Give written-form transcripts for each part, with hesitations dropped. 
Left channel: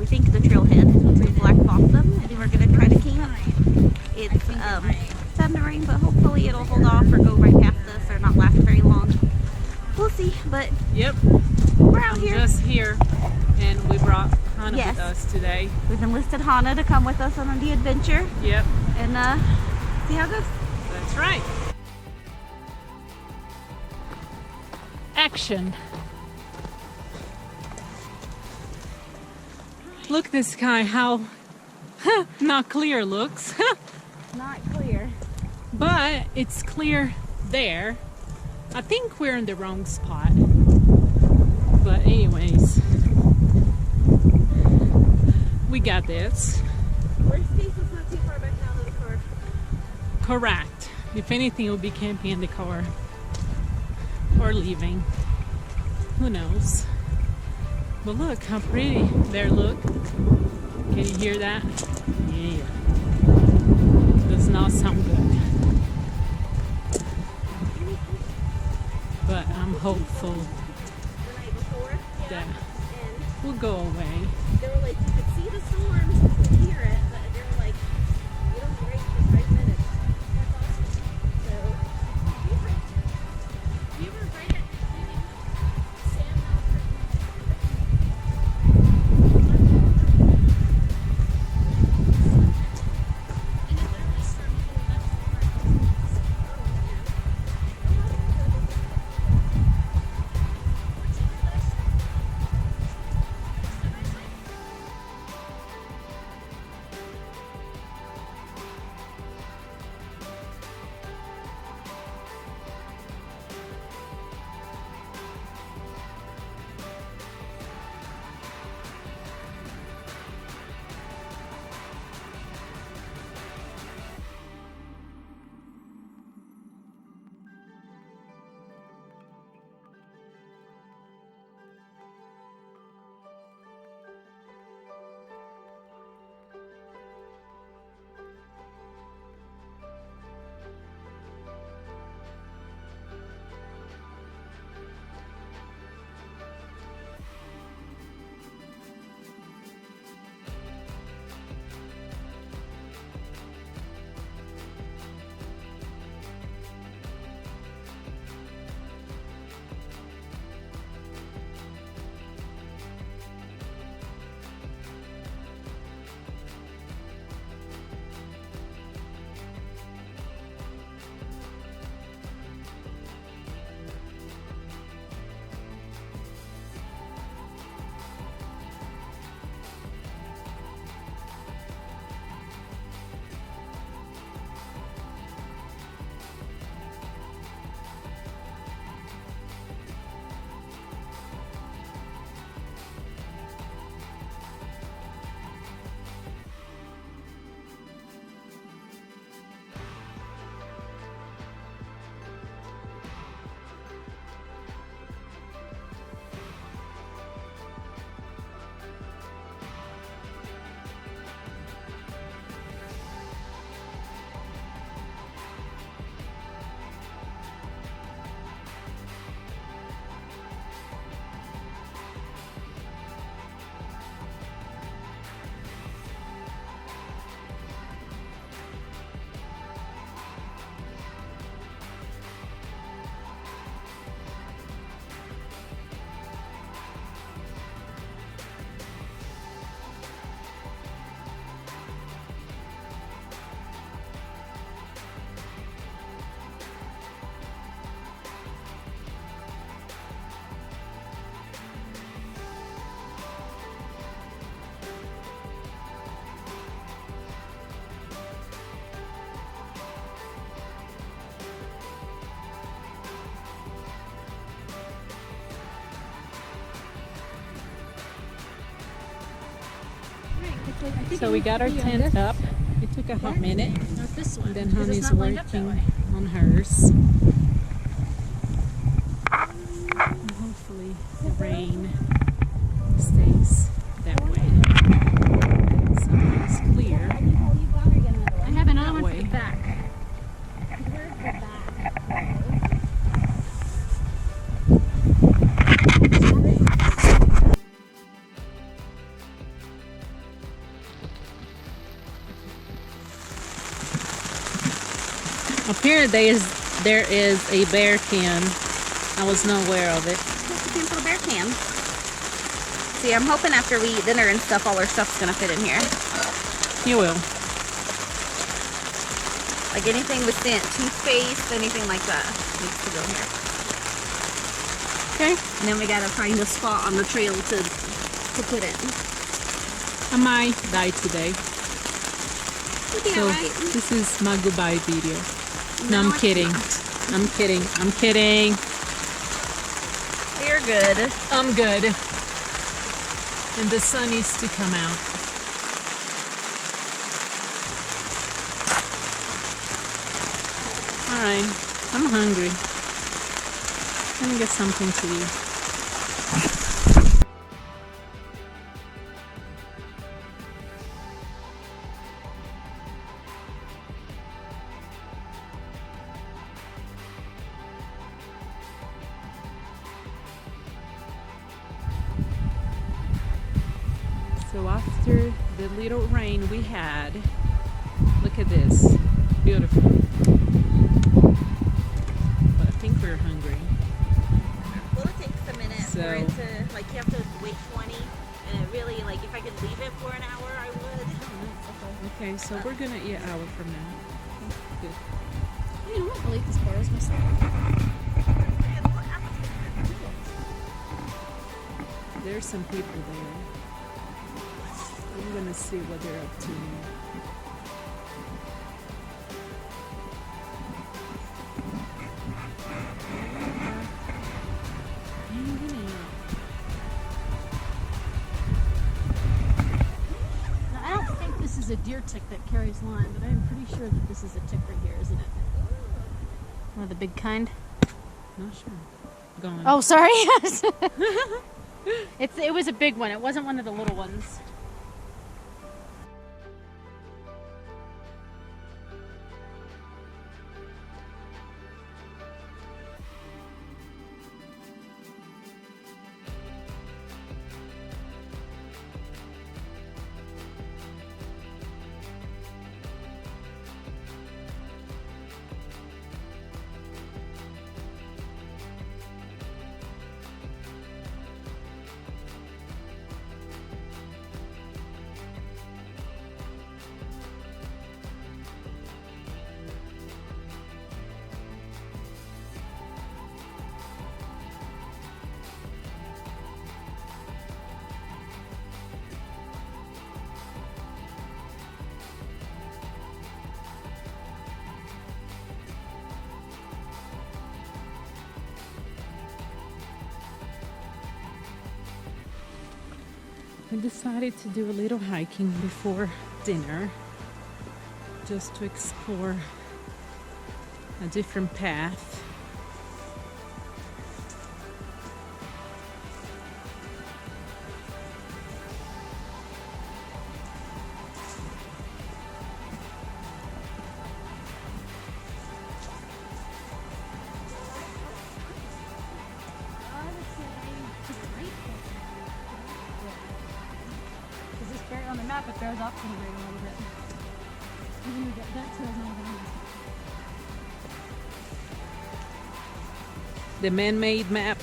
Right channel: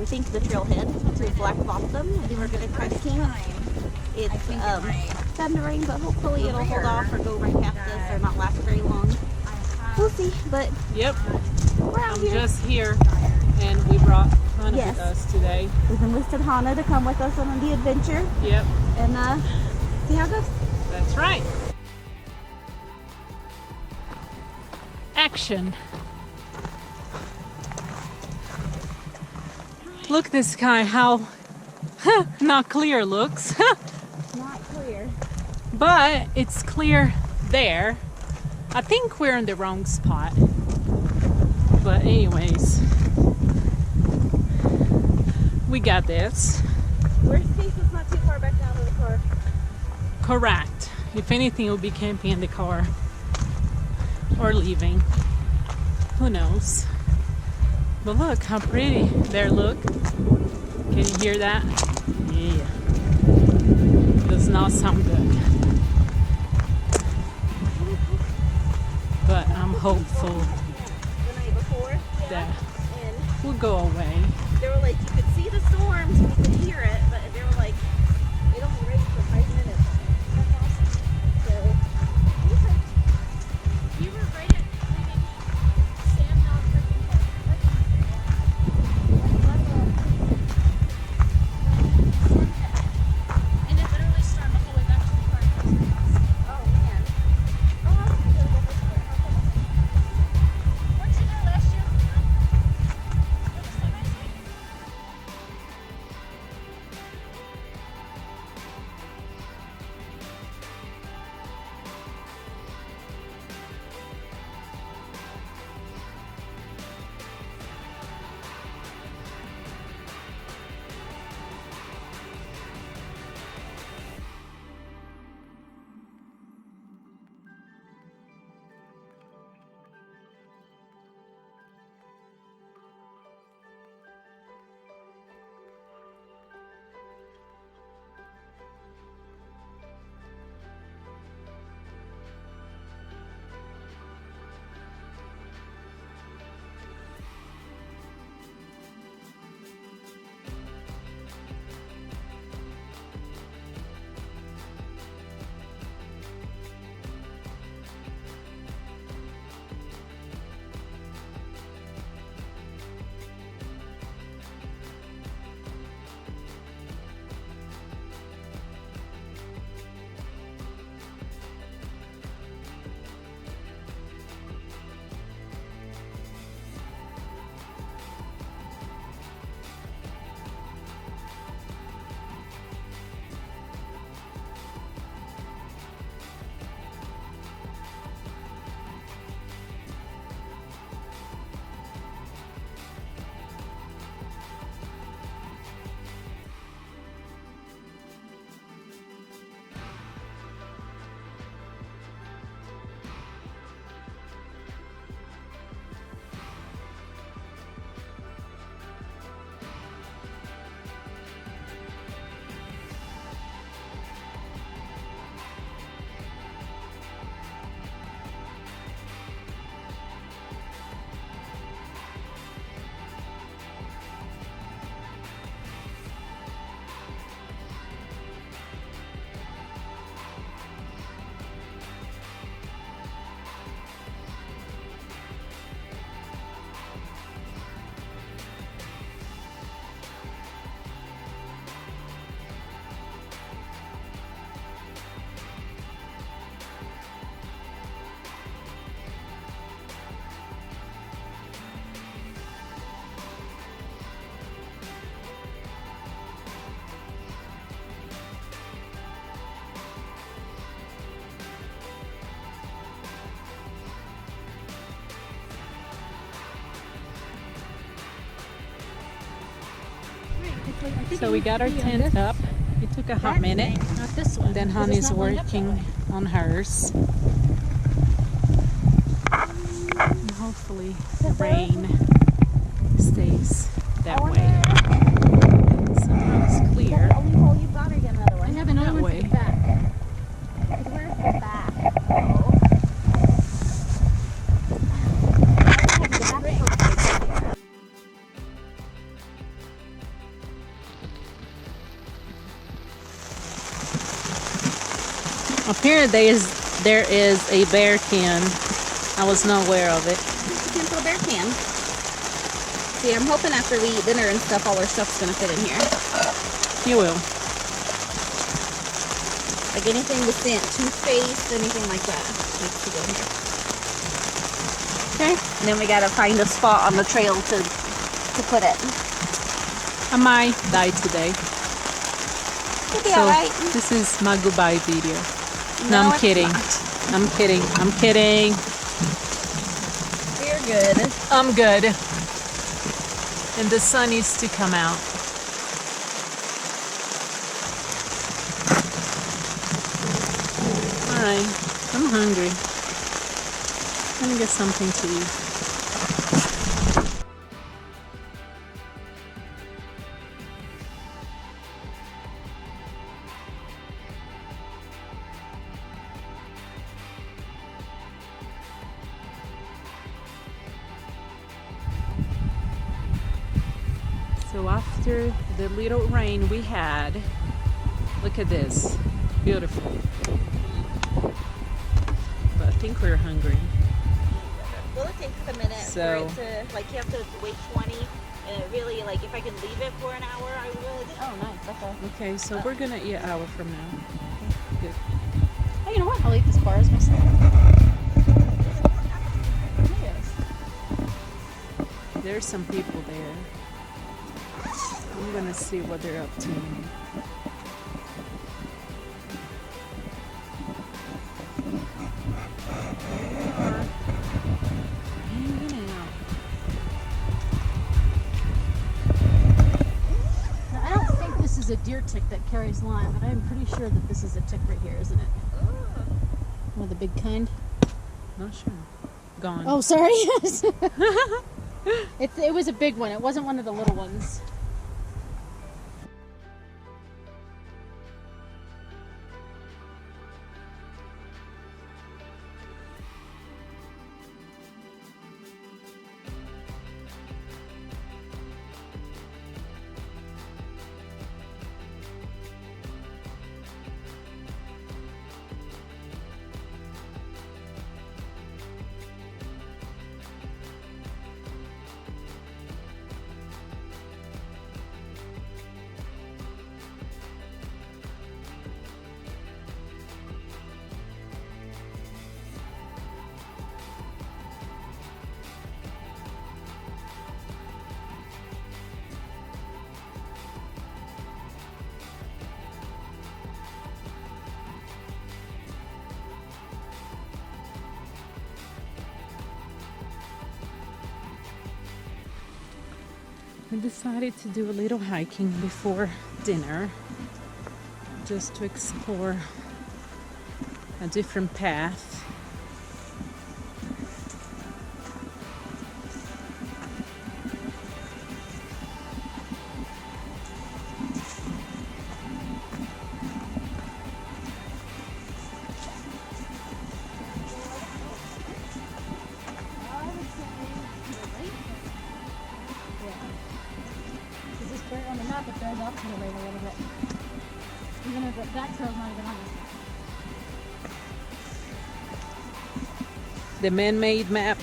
we think the trailhead to Black Balsam, and we're gonna try to camp. It's starting to rain, but hopefully it'll hold off or go right past us or not last very long. We'll see, but yep, we're out here. Just here, and we brought Hannah with us today. We've enlisted Hannah to come with us on the adventure. Yep. And see how it goes. That's right. Action. Look at the sky, how not clear looks. Not clear. But it's clear there. I think we're in the wrong spot. But anyways, we got this. Worst case, it's not too far back down to the car. Correct. If anything, we'll be camping in the car. Or leaving. Who knows? But look how pretty there, look. Can you hear that? Yeah. Does not sound good. But I'm hopeful The night before, that and we'll go away. they were like, you could see the storms, we could hear it, but they were like, it only rained for 5 minutes. That's awesome. So, We were right at leaving Sam Knob Head. And it literally stormed the whole way back to the car. oh man. Oh, I was gonna go this way. Weren't you there last year? For the sunrise hike? So we got our tent up. It took a hot minute. Not this one. Then Honey's working on hers. And hopefully the rain stays that way. Somehow it's clear. The only hole you've got, or you got another one? I have another That one way. for the back. Where's the back? Apparently there is a bear can. I was not aware of it. Looking for a bear can. See, I'm hoping after we eat dinner and stuff, all our stuff's gonna fit in here. You will. Like anything with scent, toothpaste, anything like that needs to go here. Okay. And then we gotta find a spot on the trail to put it. I might die today. It'll be So alright. this is my goodbye video. No, No, I'm it's kidding. not. I'm kidding. I'm kidding. We're good. I'm good. And the sun needs to come out. Alright, I'm hungry. Let me get something to eat. So after the little rain we had, look at this. Beautiful. But I think we're hungry. Well, it takes a minute So- for it to, like, you have to wait 20, and it really, like, if I could leave it for an hour, I would. Oh, nice. Okay. Okay, so we're gonna eat an hour from now. Good. Oh, you know what? I'll eat this bars myself. There's some people there. I'm gonna see what they're up to in a minute. They are hanging out. Now, I don't think this is a deer tick that carries Lyme, but I'm pretty sure that this is a tick right here, isn't it? Or the big kind? Not sure. Gone. Oh, sorry. It was a big one. It wasn't one of the little ones. We decided to do a little hiking before dinner just to explore a different path. I would say to the right. Yeah. Because this bear on the map, it bears off to the right a little bit. Even if that trail's not even on this map. The man-made map.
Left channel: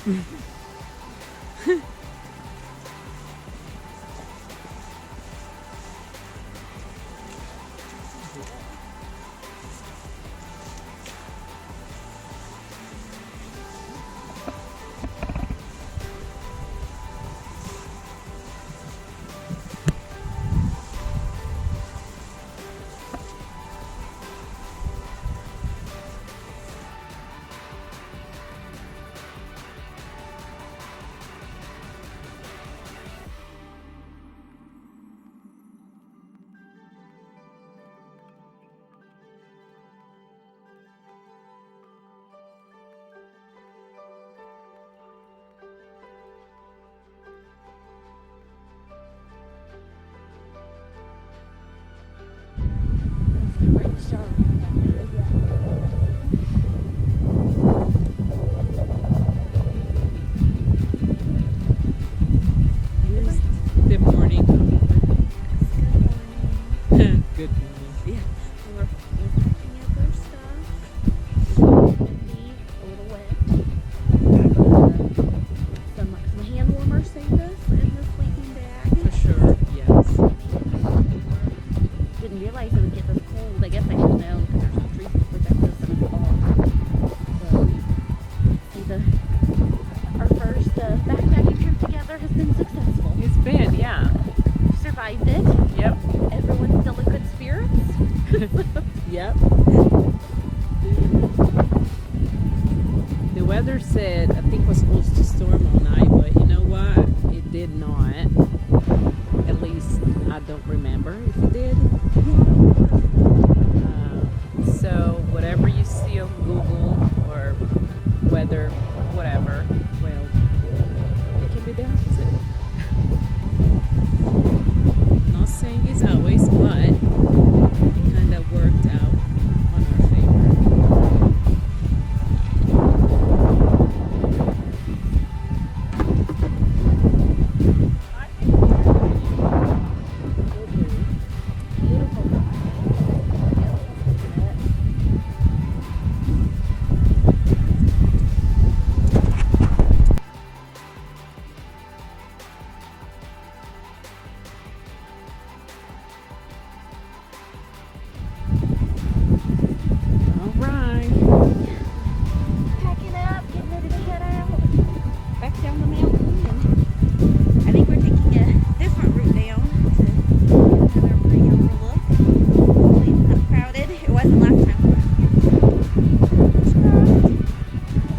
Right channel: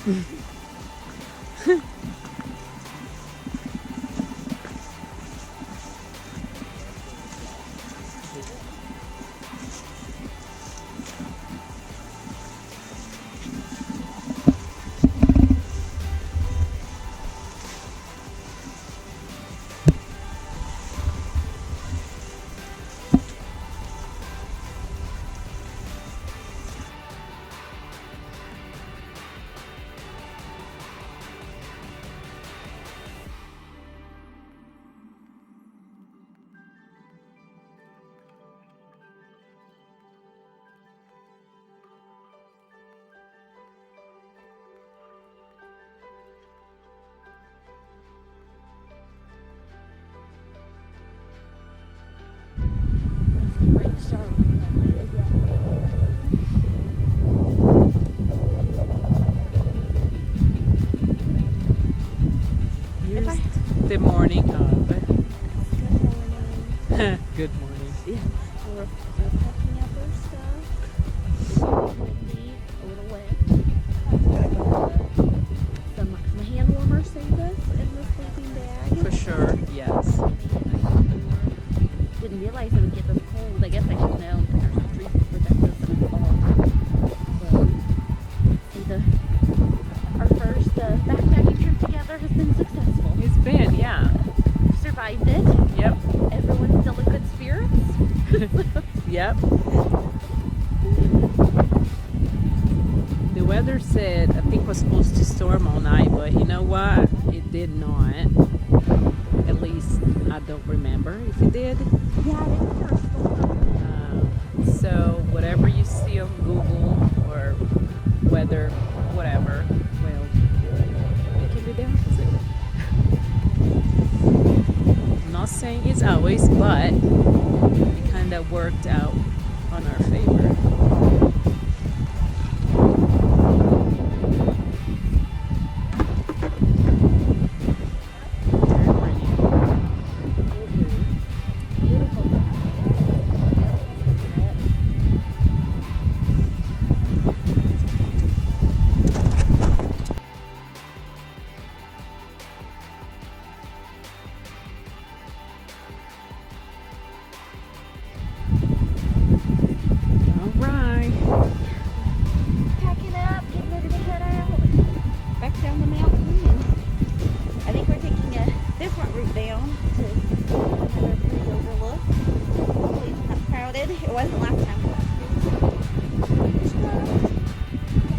Right to start with. Here's the morning of. Good morning. Good morning. Yeah, we're packing up our stuff. windy, a little wet. But some hand warmers saved us in the sleeping bag. For sure, yes. They made it nice and warm. Didn't realize it would get this cold. I guess I should have known because there's no trees to protect us in the fall. So, our first backpacking trip together has been successful. It's been, yeah. Survived it. Yep. Everyone's still in good spirits. Yep. The weather said, I think was supposed to storm all night, but you know what? It did not. At least I don't remember if it did. So whatever you see on Google or weather, whatever, well, it can be the opposite. I'm not saying it's always, but it kind of worked out on our favor. Very pretty. Beautiful sunset. All right. Packing up, getting ready to head out back down the mountain, and I think we're taking a different route down to get another pretty overlook. Hopefully it's not crowded. It wasn't last time we went here.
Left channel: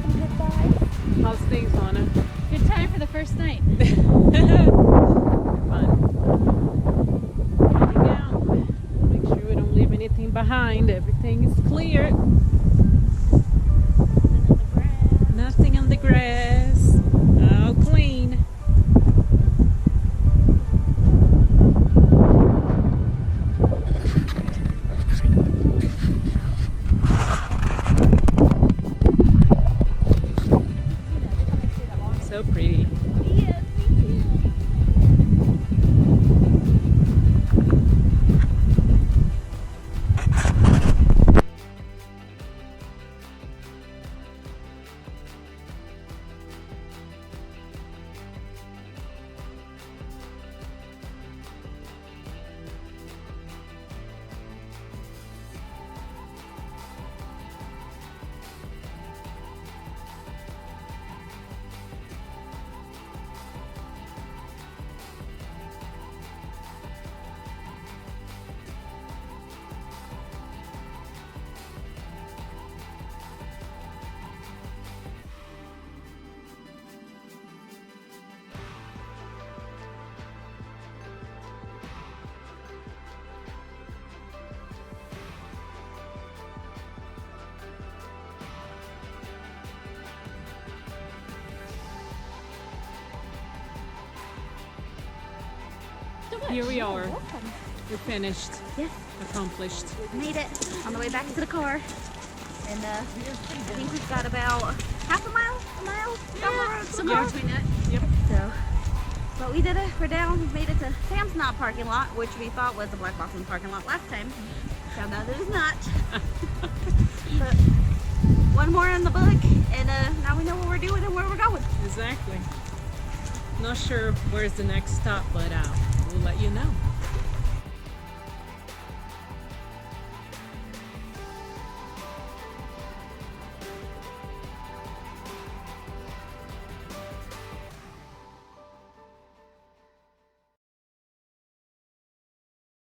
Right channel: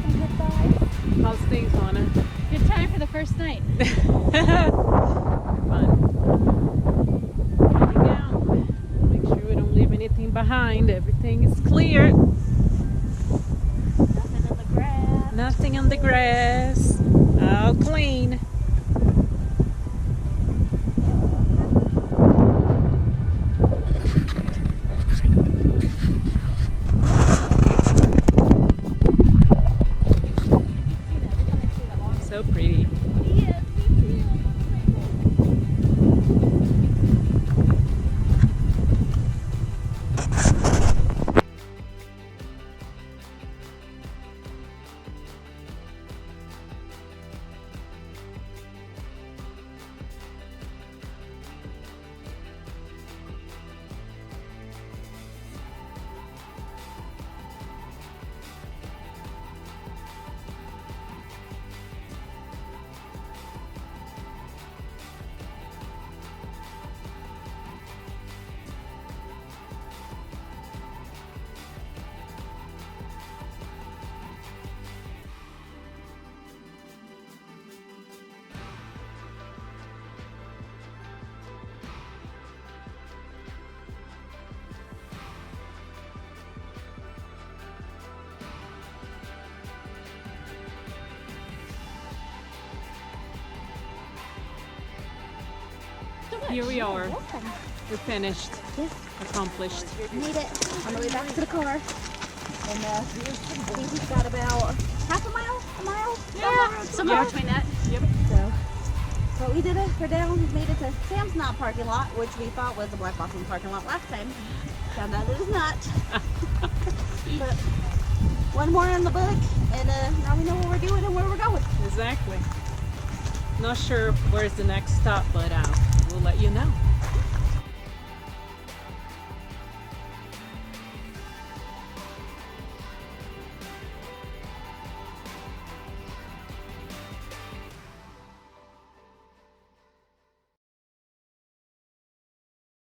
Some good vibes. How's things, Lana? Good time for the first night. Fun. Heading out. Make sure we don't leave anything behind. Everything is cleared. Nothing in the grass. Nothing on the grass. All clean. So pretty. Yes, me too. Here we are. Welcome. We're finished. Yes, Accomplished. made it on the way back to the car. And I think we've got about half a mile, down the road. Somewhere Yeah. between that. Yep. So, but we did it. We're down. We made it to Sam's Knot parking lot, which we thought was the Black Balsam parking lot last time. Found out it is not. But one more in the book, and now we know what we're doing and where we're going. Exactly. Not sure where's the next stop, but we'll let you know.